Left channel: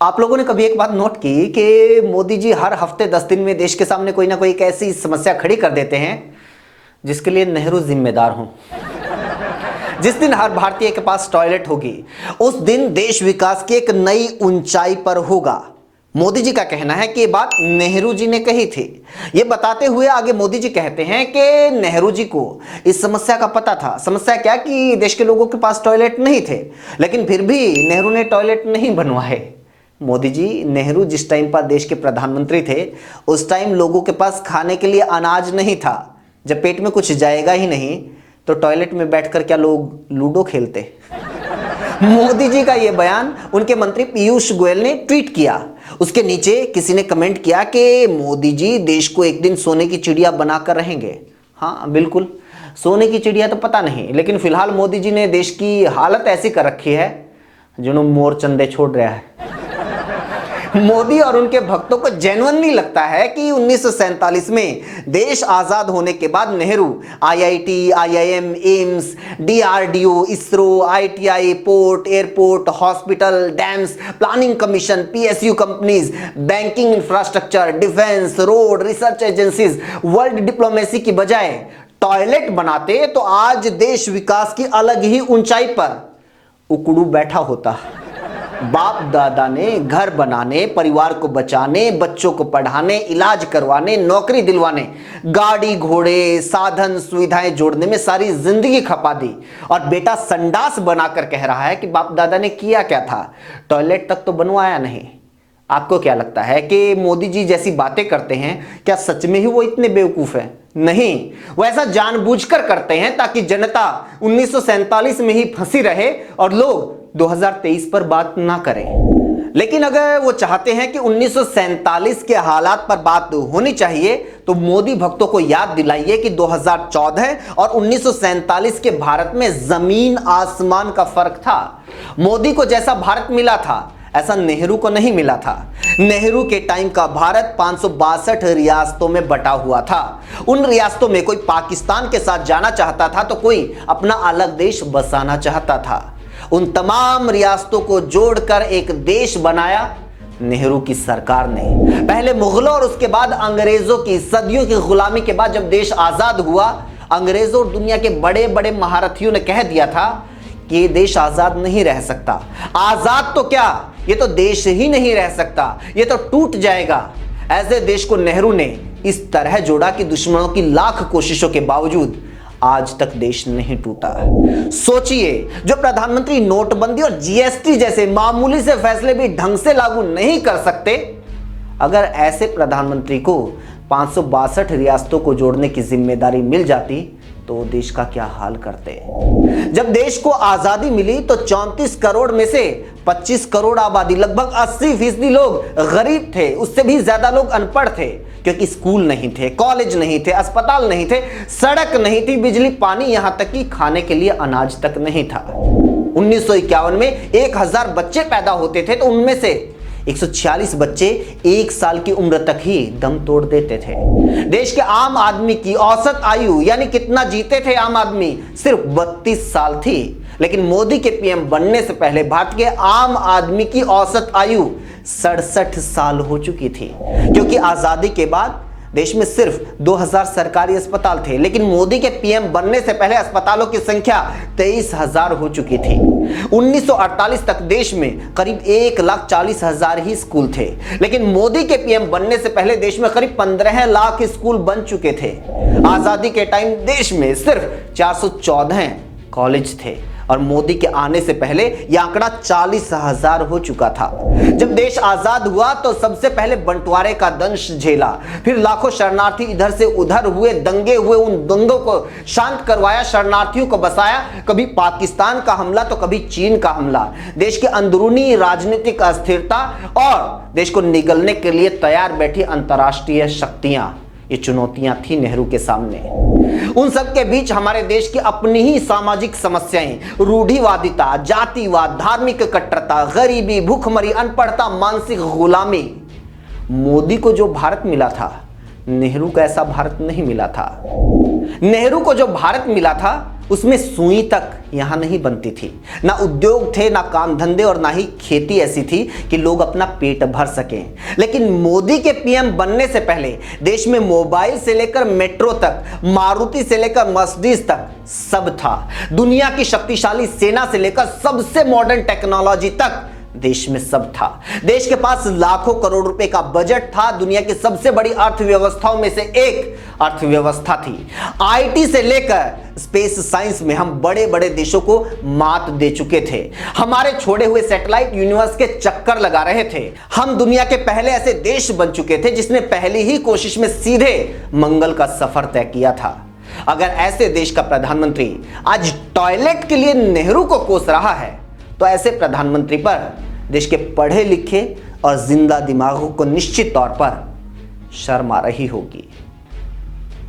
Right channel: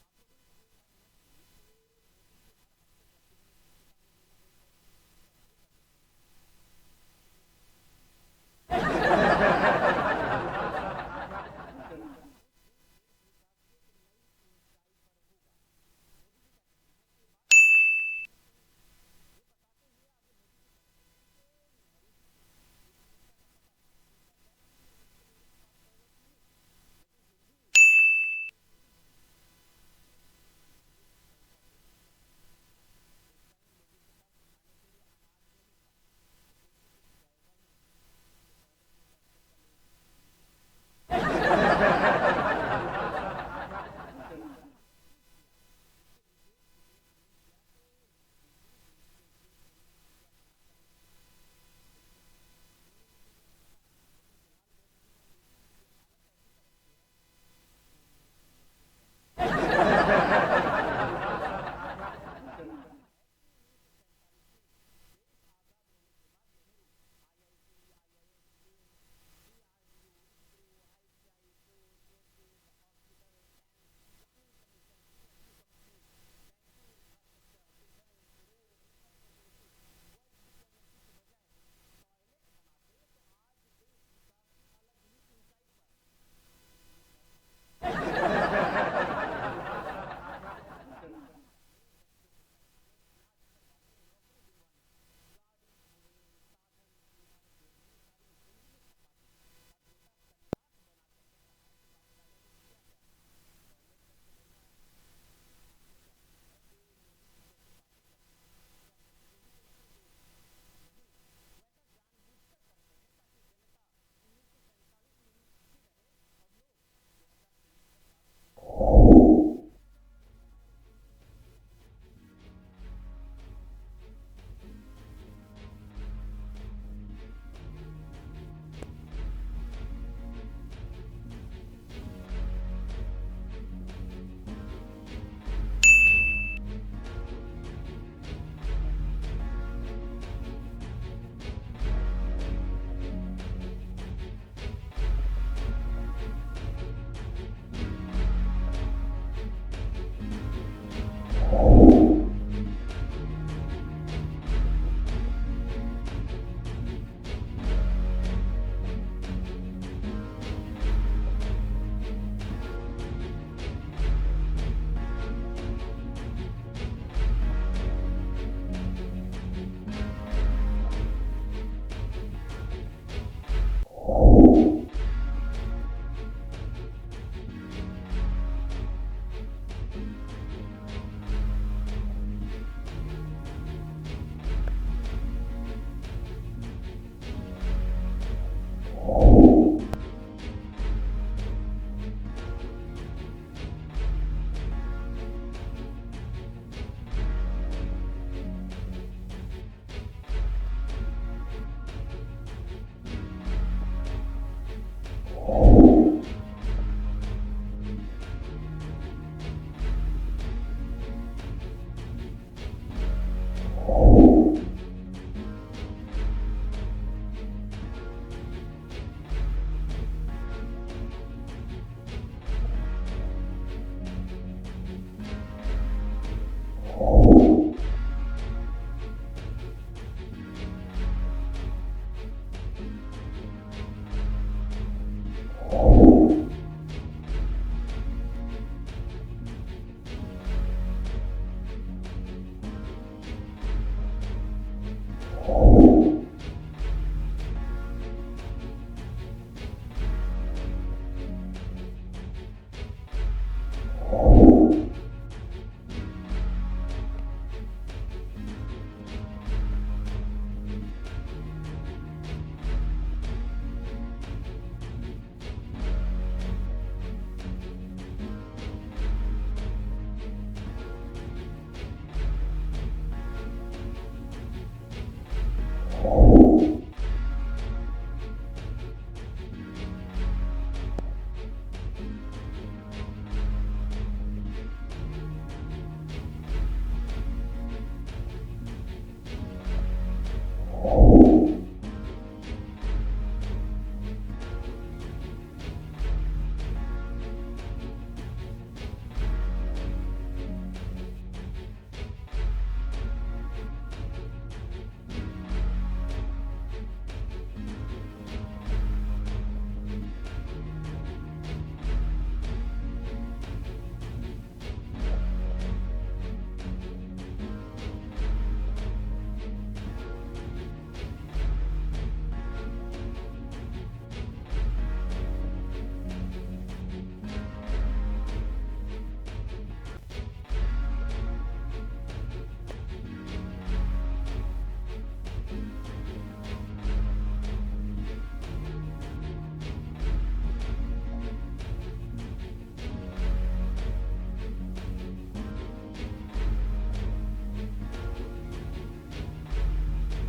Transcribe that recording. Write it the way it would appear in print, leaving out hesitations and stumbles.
आप लोगों ने कभी एक बात नोट की कि मोदी जी हर हफ्ते 10 दिन में देश के सामने कोई ना कोई एक ऐसी समस्या खड़ी कर देते हैं जिसके लिए नेहरू जिम्मेदार हों। जिस दिन हर भारतीय के पास टॉयलेट होगी उस दिन देश विकास की एक नई ऊंचाई पर होगा। मोदी जी का कहना है कि ये बात नेहरू जी ने कही थी। ये बताते हुए आगे मोदी जी कहते हैं कि नेहरू जी को इस समस्या का पता था। समस्या क्या कि देश के लोगों के पास टॉयलेट नहीं थे, लेकिन फिर भी नेहरू ने टॉयलेट नहीं बनवाए। मोदी जी, नेहरू जिस टाइम पर देश के प्रधानमंत्री थे उस टाइम लोगों के पास खाने के लिए अनाज नहीं था। जब पेट में कुछ जाएगा ही नहीं तो टॉयलेट में बैठकर क्या लोग लूडो खेलते? मोदी जी का यह बयान उनके मंत्री पीयूष गोयल ने ट्वीट किया। उसके नीचे किसी ने कमेंट किया कि मोदी जी देश को एक दिन सोने की चिड़िया बनाकर रहेंगे। हाँ बिल्कुल, सोने की चिड़िया तो पता नहीं, लेकिन फिलहाल मोदी जी ने देश की हालत ऐसी कर रखी है जिन्हों मोर चंदे छोड़ रहा है। मोदी और उनके भक्तों को जेन्युइनली लगता है कि 1947 में देश आजाद होने के बाद Nehru IIT, IIM, AIIMS, DRDO, ISRO, ITI, port, airport, hospital, dams, planning commission, PSU companies, banking infrastructure, defence, road, research agencies, world diplomacy की बजाय टॉयलेट बनाते तो आज देश विकास की अलग ही ऊंचाई पर उकड़ू बैठा होता। बाप दादा ने घर बनाने, परिवार को बचाने, बच्चों को पढ़ाने, इलाज करवाने, नौकरी दिलवाने, गाड़ी घोड़े, साधन सुविधाएं जोड़ने में सारी जिंदगी खपा दी और बेटा संडास बनाकर कह रहा है कि बाप दादा ने किया क्या था, टॉयलेट तक तो बनवाया नहीं। आपको क्या लगता है कि मोदी जी जैसी बातें करते हैं, क्या सच में ही वो इतने बेवकूफ हैं? नहीं, वो ऐसा जानबूझकर करते हैं ताकि जनता 1947 में ही फंसी रहे और लोग 2023 पर बात ना करें। लेकिन अगर वो चाहते हैं कि 1947 के हालात पर बात होनी चाहिए तो मोदी भक्तों को याद दिलाइए कि 2014 और 1947 के भारत में जमीन आसमान का फर्क था। मोदी को जैसा भारत मिला था ऐसा नेहरू को नहीं मिला था। नेहरू के टाइम का भारत 562 रियासतों में बटा हुआ था। उन रियासतों में कोई पाकिस्तान के साथ जाना चाहता था तो कोई अपना अलग देश बसाना चाहता था। उन तमाम रियासतों को जोड़कर एक देश बनाया नेहरू की सरकार ने। पहले मुगलों और उसके बाद अंग्रेजों की सदियों की गुलामी के बाद जब देश आजाद हुआ, अंग्रेजों और दुनिया के बड़े बड़े महारथियों ने कह दिया था कि ये देश आजाद नहीं रह सकता। आजाद तो क्या, ये तो देश ही नहीं रह सकता, ये तो टूट जाएगा। ऐसे देश को नेहरू ने इस तरह जोड़ा कि दुश्मनों की लाख कोशिशों के बावजूद आज तक देश नहीं टूटा। सोचिए, जो प्रधानमंत्री नोटबंदी और जीएसटी जैसे मामूली से फैसले भी ढंग से लागू नहीं कर सकते, अगर ऐसे प्रधानमंत्री को 562 रियासतों को जोड़ने की जिम्मेदारी मिल जाती तो देश का क्या हाल करते। जब देश को आजादी मिली तो 34 करोड़ में से 25 करोड़ आबादी, लगभग 80% लोग गरीब थे। उससे भी ज्यादा लोग अनपढ़ थे क्योंकि स्कूल नहीं थे, कॉलेज नहीं थे, अस्पताल नहीं थे, सड़क नहीं थी, बिजली, पानी, यहां तक कि खाने के लिए अनाज तक नहीं था। 1951 में 1000 बच्चे पैदा होते थे तो उनमें से 146 बच्चे 1 साल की उम्र तक ही दम तोड़ देते थे। देश के आम आदमी की औसत आयु, यानी कितना जीते थे आम आदमी, सिर्फ 32 साल थी। लेकिन मोदी के पीएम बनने से पहले भारत के आम आदमी की औसत आयु 67 साल हो चुकी थी। क्योंकि आजादी के बाद देश में सिर्फ 2000 सरकारी अस्पताल थे, लेकिन मोदी के पीएम बनने से पहले अस्पतालों की संख्या 23,000 हो चुकी थी। 1948 तक देश में करीब 1,40,000 ही स्कूल थे, लेकिन मोदी के पीएम बनने से पहले देश में करीब 15 लाख स्कूल बन चुके थे। आजादी के टाइम देश में सिर्फ 414 कॉलेज थे और मोदी के आने से पहले यह आंकड़ा 40,000 हो चुका था। जब देश आजाद हुआ तो सबसे पहले बंटवारे का दंश झेला, फिर लाखों शरणार्थी इधर से उधर हुए, दंगे हुए, उन दंगों को शांत करवाया, शरणार्थियों को बसाया। कभी पाकिस्तान का हमला तो कभी चीन का हमला। देश की अंदरूनी राजनीतिक अस्थिरता और देश को निगलने के लिए तैयार बैठी अंतर्राष्ट्रीय शक्तियां, ये चुनौतियां थी नेहरू के सामने। उन सब के बीच हमारे देश की अपनी ही सामाजिक समस्याएं, रूढ़िवादिता, जातिवाद, धार्मिक कट्टरता, गरीबी, भूखमरी, अनपढ़ता, मानसिक गुलामी। मोदी को जो भारत मिला था, नेहरू को ऐसा भारत नहीं मिला था। नेहरू को जो भारत मिला था उसमें सुई तक यहां नहीं बनती थी। ना उद्योग थे, ना काम धंधे, और ना ही खेती ऐसी थी कि लोग अपना पेट भर सकें। लेकिन मोदी के पीएम बनने से पहले देश में मोबाइल से लेकर मेट्रो तक, मारुति से लेकर मर्सिडीज तक सब था। दुनिया की शक्तिशाली सेना से लेकर सबसे मॉडर्न टेक्नोलॉजी तक देश में सब था। देश के पास लाखों करोड़ रुपए का बजट था। दुनिया की सबसे बड़ी अर्थव्यवस्थाओं में से एक अर्थव्यवस्था थी। आईटी से लेकर स्पेस साइंस में हम बड़े बड़े देशों को मात दे चुके थे। हमारे छोड़े हुए सैटेलाइट यूनिवर्स के चक्कर लगा रहे थे। हम दुनिया के पहले ऐसे देश बन चुके थे जिसने पहली ही कोशिश में सीधे मंगल का सफर तय किया था। अगर ऐसे देश का प्रधानमंत्री आज टॉयलेट के लिए नेहरू को कोस रहा है, तो ऐसे प्रधानमंत्री पर देश के पढ़े लिखे और जिंदा दिमागों को निश्चित तौर पर शर्म आ रही होगी।